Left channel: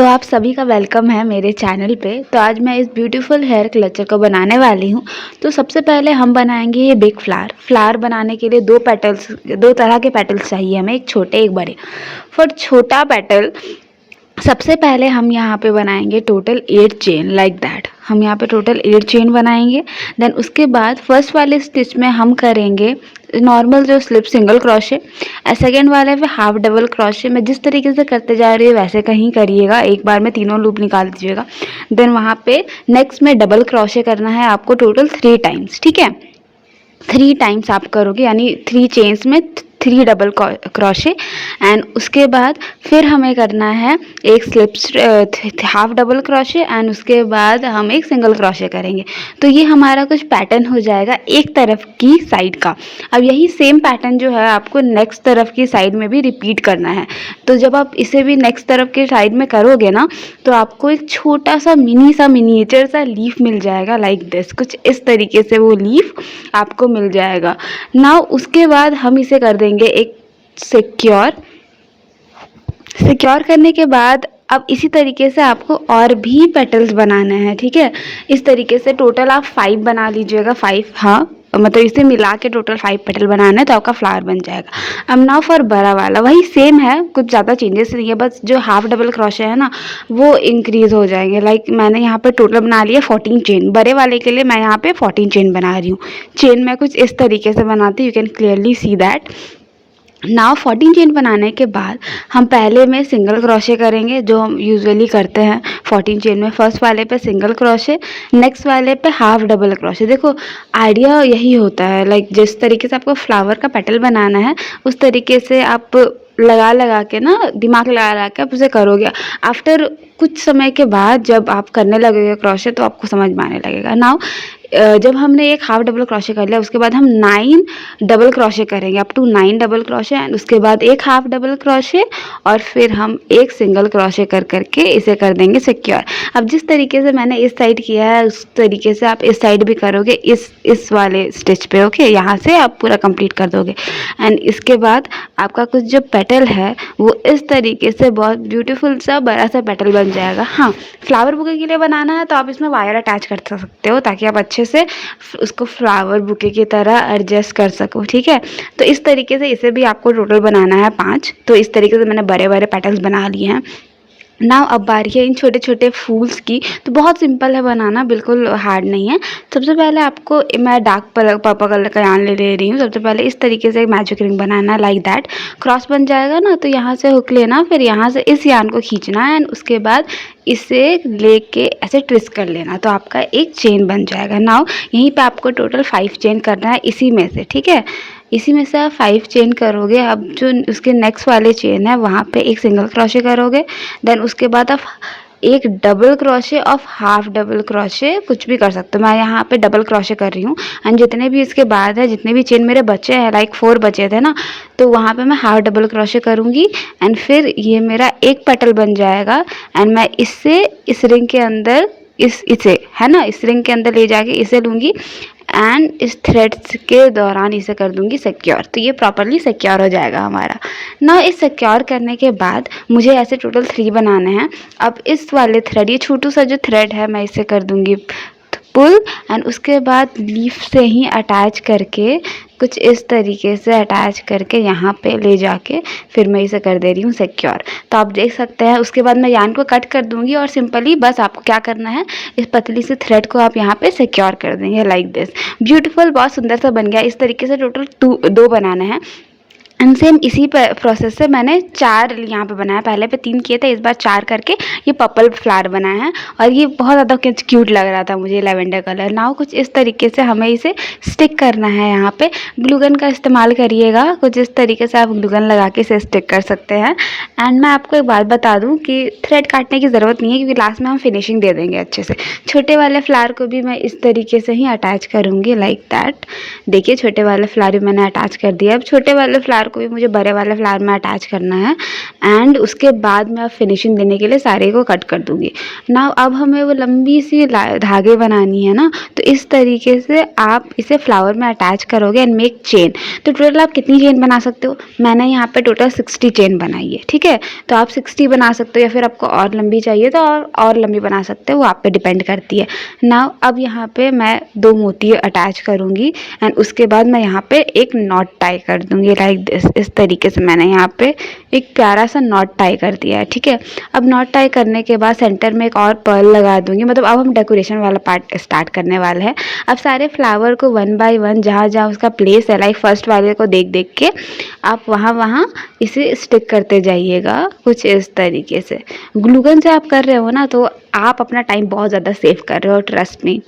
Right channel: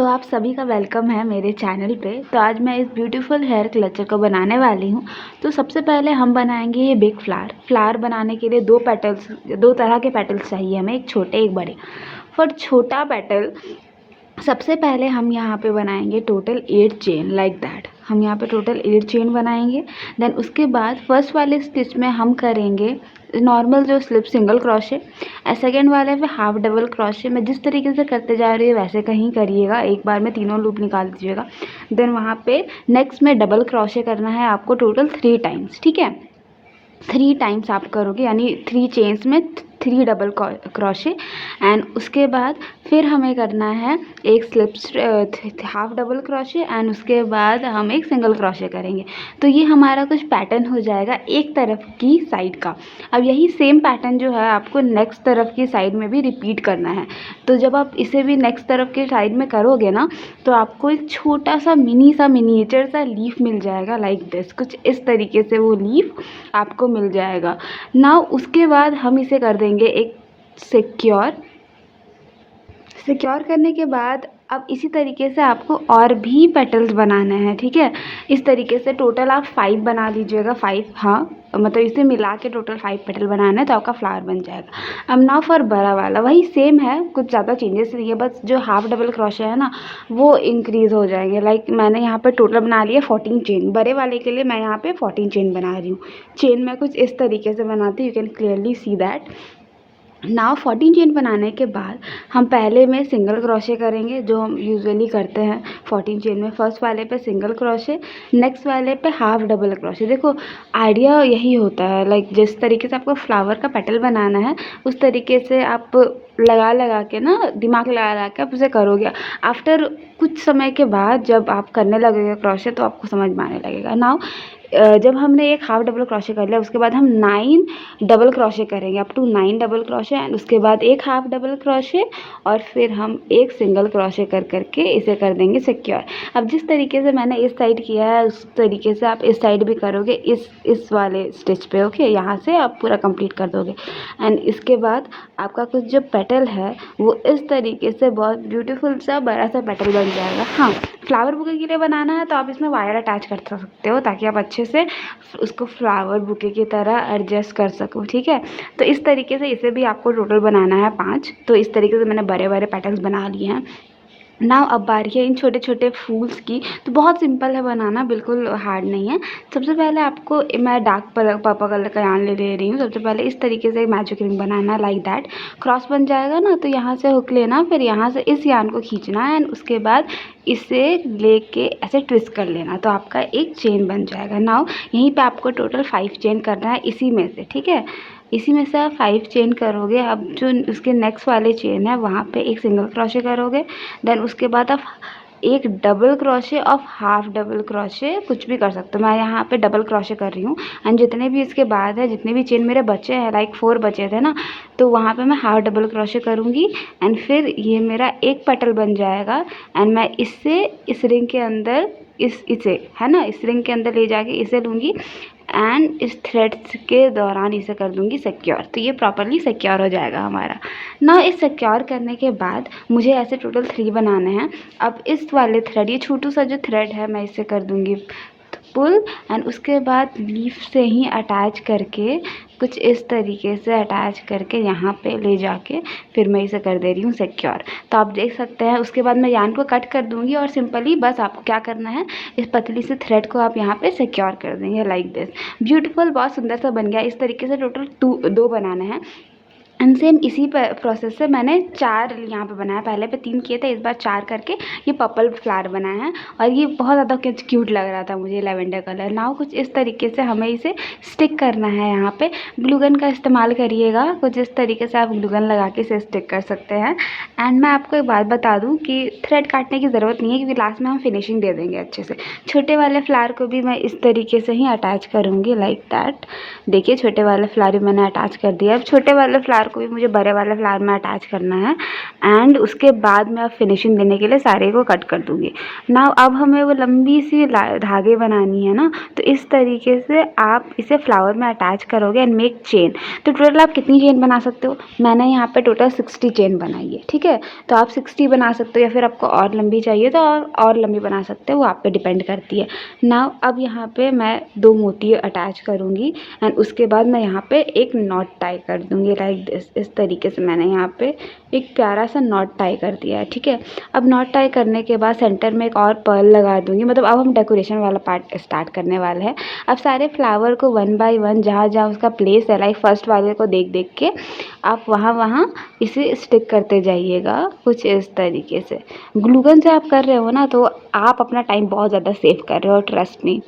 तो आप सभी का वेलकम है मेरे चैनल पे। तो आज मैं इस ब्यूटीफुल हेयर क्लचर को बनाने वाली हूँ। तो सबसे पहले हम बनाएंगे ये बिग फ्लावर। फ्लावर बनाने के लिए दो तरह के पेटल्स चाहिए हमें, एक छोटे एक बड़े। फॉर छोटा पेटल सबसे पहले हम यहाँ पे बनाएंगे टोटल 8 चेन लाइक दैट। हम यहाँ पे टोटल 8 चेन बनाएंगे। देन उसके बाद फर्स्ट वाले स्टिच में हम करेंगे नॉर्मल जो स्लिप सिंगल क्रोशे, सेकेंड वाले पे हाफ डबल क्रोशे। मैं जिस तरीके से करते जा रही हूँ वैसे कहीं करिएगा, एक बार में तीनों लूप निकाल दीजिएगा। देन वहाँ पे नेक्स्ट में डबल क्रोशे करना है आपको टोटल 3 टाइम्स, ठीक है। 3 टाइम्स आप करोगे यानी 3 चेन्स में 3 डबल क्रोशे। एंड उसके बाद फिर हमें करना है एक slip half double crochet and उसके बाद हम एक सिंगल क्रोशे करेंगे। तो ये हमारा कुछ पैटर्न हो जाएगा एक तरफ की साइड का। अब यही सेम पैटर्न जो है आपको नेक्स्ट तरफ की साइड में भी रिपीट करना है। तो जब आप इसे भी नेक्स्ट तरफ के साइड में करोगे ना, तो आपको एक छोटा सा मिनिएचर सा लीफ मिल जाएगा लाइक दिस। कुछ इस तरीके से वो लीफ आपको मिल जाएगा। नाउ उसके बाद हम इसे कर देंगे एक सिक्योर करने के बाद अब इसी तरीके से आपको और भी पेटल्स बनाने हैं, ठीक है। इस तरीके से टोटल आप 5 बना लीजिएगा, 5, हाँ मतलब इसे मिला के टोटल 5 पेटल बनाना है तो आपका फ्लावर बन जाएगा। अब नाउ फॉर बड़ा वाला वही सेम है, कुछ ज़्यादा चेंजेस नहीं है, बस जो हाफ डबल क्रोशे है ना वो इंक्रीज हो जाएंगे। लाइक मैंने यहाँ पे टोटल बना लिया 14 चेन। बड़े वाले के लिए मैं यहाँ पे 14 चेन बना रही हूँ। चेन मैं कुछ इस तरीके से बनाती हूँ, you can clearly see that. Now 14 chain बनाने के बाद हम पहले में सिंगल क्रोशे करेंगे जो हम यूजुअली करते हैं 14 चेन में। फर्स्ट वाले पे सिंगल क्रोशे, नेक्स्ट वाले पे हाफ डबल क्रोशे। देखो आइडिया यही होता है, लाइक जिस तरीके से आपको फ्लावर का पेटल बनाना है उस तरीके से आप लगा के ना, दिमाग लगा के आप उसे करोगे। आफ्टर कुछ समय के बाद जब आप करने लगोगे क्रोशे तो आपको समझ में आने लगेगा। नाउ जब हमने एक हाफ डबल क्रोशे कर लिया उसके बाद हम 9 डबल क्रोशे करेंगे, up to 9 double crochet and उसके बाद एक हाफ डबल क्रोशे और फिर हम एक सिंगल क्रोशे कर करके इसे कर देंगे सिक्योर। अब जिस तरीके से मैंने इस साइड किया है उस तरीके से आप इस साइड भी करोगे इस वाले स्टिच पे, ओके। यहाँ से आप पूरा कंप्लीट कर दोगे एंड इसके बाद आपका कुछ जो पेटल है वो इस तरीके से बहुत ब्यूटीफुल सा बड़ा सा पेटल बन जाएगा। हाँ, फ्लावर बुके के लिए बनाना है तो आप इसमें वायर अटैच कर सकते हो ताकि आप अच्छे से उसको फ्लावर बुके की तरह एडजस्ट कर सको, ठीक है। तो इस तरीके से इसे भी आपको टोटल बनाना है 5। तो इस तरीके से मैंने बड़े बड़े पेटल्स बना लिए हैं। नाउ अब बारी है इन छोटे छोटे फूल्स की। तो बहुत सिंपल है बनाना, बिल्कुल हार्ड नहीं है। सबसे पहले आपको मैं डार्क पर्पल कलर का यार्न ले रही हूँ। सबसे पहले इस तरीके से एक magic ring banana like that. Cross बन जाएगा ना तो यहाँ से हुक लेना, फिर यहाँ से इस यार्न को खींचना एंड उसके बाद इसे लेके ऐसे ट्विस्ट कर लेना तो आपका एक चेन बन जाएगा। नाउ यहीं पे आपको टोटल 5 चेन करना है इसी में से, ठीक है। इसी में से आप 5 चेन करोगे। अब जो उसके नेक्स्ट वाले चेन है वहाँ पे एक सिंगल क्रोशे करोगे। देन उसके बाद आप एक double crochet of half double crochet कुछ भी कर सकते हो। मैं यहाँ पे डबल क्रोशे कर रही हूँ एंड जितने भी इसके बाद है, जितने भी चेन मेरे बचे हैं, लाइक 4 बचे थे ना, तो वहाँ पे मैं हाफ डबल क्रोशे करूँगी एंड फिर ये मेरा एक पेटल बन जाएगा एंड मैं इससे इस रिंग के अंदर इसे है ना, इस रिंग के अंदर ले जाके इसे लूँगी एंड इस थ्रेड्स के दौरान इसे कर दूंगी सिक्योर। तो ये प्रॉपरली सिक्योर हो जाएगा हमारा ना। इस सिक्योर करने के बाद मुझे ऐसे टोटल 3 बनाने हैं। अब इस वाले थ्रेड, ये छोटू सा जो थ्रेड है, मैं इसे कर दूंगी पुल एंड उसके बाद लीफ से ही अटैच करके कुछ इस तरीके से अटैच करके यहाँ पे ले जाके फिर मैं इसे कर दे रही हूँ सिक्योर। तो आप देख सकते हैं उसके बाद मैं यार्न को कट कर दूंगी और सिंपली बस आपको क्या करना है, इस पतली सी थ्रेड को आप यहाँ पे सिक्योर कर देंगे लाइक दिस। ब्यूटीफुल, बहुत सुंदर सा बन गया। इस तरीके से टोटल 2 बनाने हैं एंड सेम इसी प्रोसेस से मैंने 4 यहाँ पे बनाया। पहले पे 3 किए थे, इस बार 4 करके ये पर्पल फ्लावर बनाया है और ये बहुत ज़्यादा क्यूट लग रहा था मुझे, लेवेंडर कलर। नाउ कुछ इस तरीके से हमें इसे स्टिक करना है। यहाँ पे ग्लूगन का इस्तेमाल करिएगा, कुछ इस तरीके से आप ग्लूगन लगा के इसे स्टिक कर सकते हैं। एंड मैं आपको एक बात बता दूँ कि थ्रेड काटने की ज़रूरत नहीं है क्योंकि लास्ट में हम फिनिशिंग दे देंगे अच्छे से। छोटे वाले फ्लावर को भी मैं इस तरीके से ही अटैच करूँगी लाइक दैट। देखिए छोटे वाले फ्लावर भी मैंने अटैच कर दिया। अब छोटे वाले फ्लावर को भी मुझे बड़े वाले फ्लावर में अटैच करना है एंड उसके बाद मैं अब फिनिशिंग देने के लिए सारे को कट कर दूँगी। नाउ अब हमें वो लंबी सी धागे बनानी है ना, तो इस तरीके से आप इसे फ्लावर में अटैच करोगे एंड मेक चेन। तो टोटल आप कितनी चेन बना सकते हो? मैंने यहाँ पे टोटल 60 चेन बनाई है, ठीक है। तो आप 60 बना सकते हो या फिर आपको और लंबी चाहिए तो और लंबी बना सकते हो, वो आप पे डिपेंड करती है। नाउ अब यहाँ पे मैं 2 मोती अटैच करूँगी एंड उसके बाद मैं यहाँ पे एक नॉट टाई कर दूँगी लाइक दिस। इस तरीके से मैंने यहाँ पे एक प्यारा सा नॉट टाई कर दिया है, ठीक है। अब नॉट टाई करने के बाद सेंटर में एक और पर्ल लगा दूँगी, मतलब अब हम डेकोरेशन वाला पार्ट स्टार्ट करने वाले हैं। अब सारे फ्लावर को 1 बाय 1 जहाँ उसका प्लेस है, लाइक फर्स्ट वाले को देख के आप वहाँ इसे स्टिक करते जाइएगा कुछ इस तरीके से। ग्लू गन से आप कर रहे हो ना, तो आप अपना टाइम बहुत ज़्यादा सेव कर रहे हो, ट्रस्ट मी।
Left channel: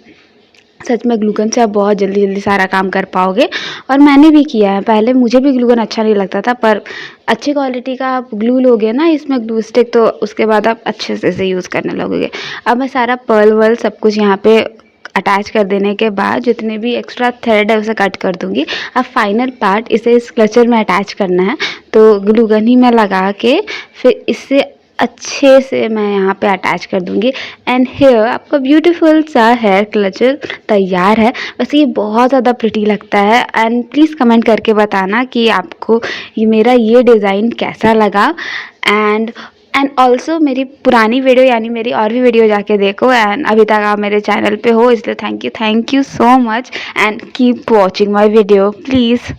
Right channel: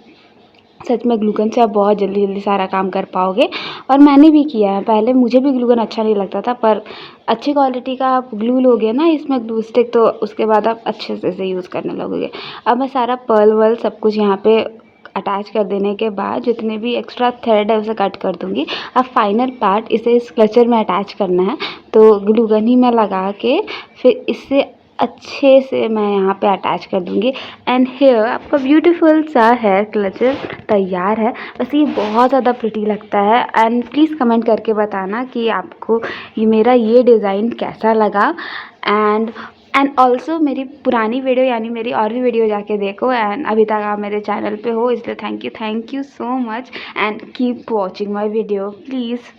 सच में ग्लू गन से आप बहुत जल्दी सारा काम कर पाओगे और मैंने भी किया है। पहले मुझे भी ग्लू गन अच्छा नहीं लगता था, पर अच्छी क्वालिटी का आप ग्लू लोगे ना इसमें ग्लू स्टिक, तो उसके बाद आप अच्छे से इसे यूज़ करने लगोगे। अब मैं सारा पर्ल वर्ल सब कुछ यहाँ पे अटैच कर देने के बाद जितने भी एक्स्ट्रा थ्रेड है उसे कट कर दूँगी। अब फाइनल पार्ट इसे इस क्लचर में अटैच करना है, तो ग्लू गन ही मैं लगा के फिर इससे अच्छे से मैं यहाँ पे अटैच कर दूँगी एंड हेयर आपका ब्यूटीफुल सा हेयर क्लचर तैयार है। वैसे ये बहुत ज़्यादा प्रिटी लगता है एंड प्लीज़ कमेंट करके बताना कि आपको मेरा ये डिज़ाइन कैसा लगा। एंड ऑल्सो मेरी पुरानी वीडियो यानी मेरी और भी वीडियो जाके देखो एंड अभी तक आप मेरे चैनल पे हो, इसलिए thank you so much and keep watching my video please.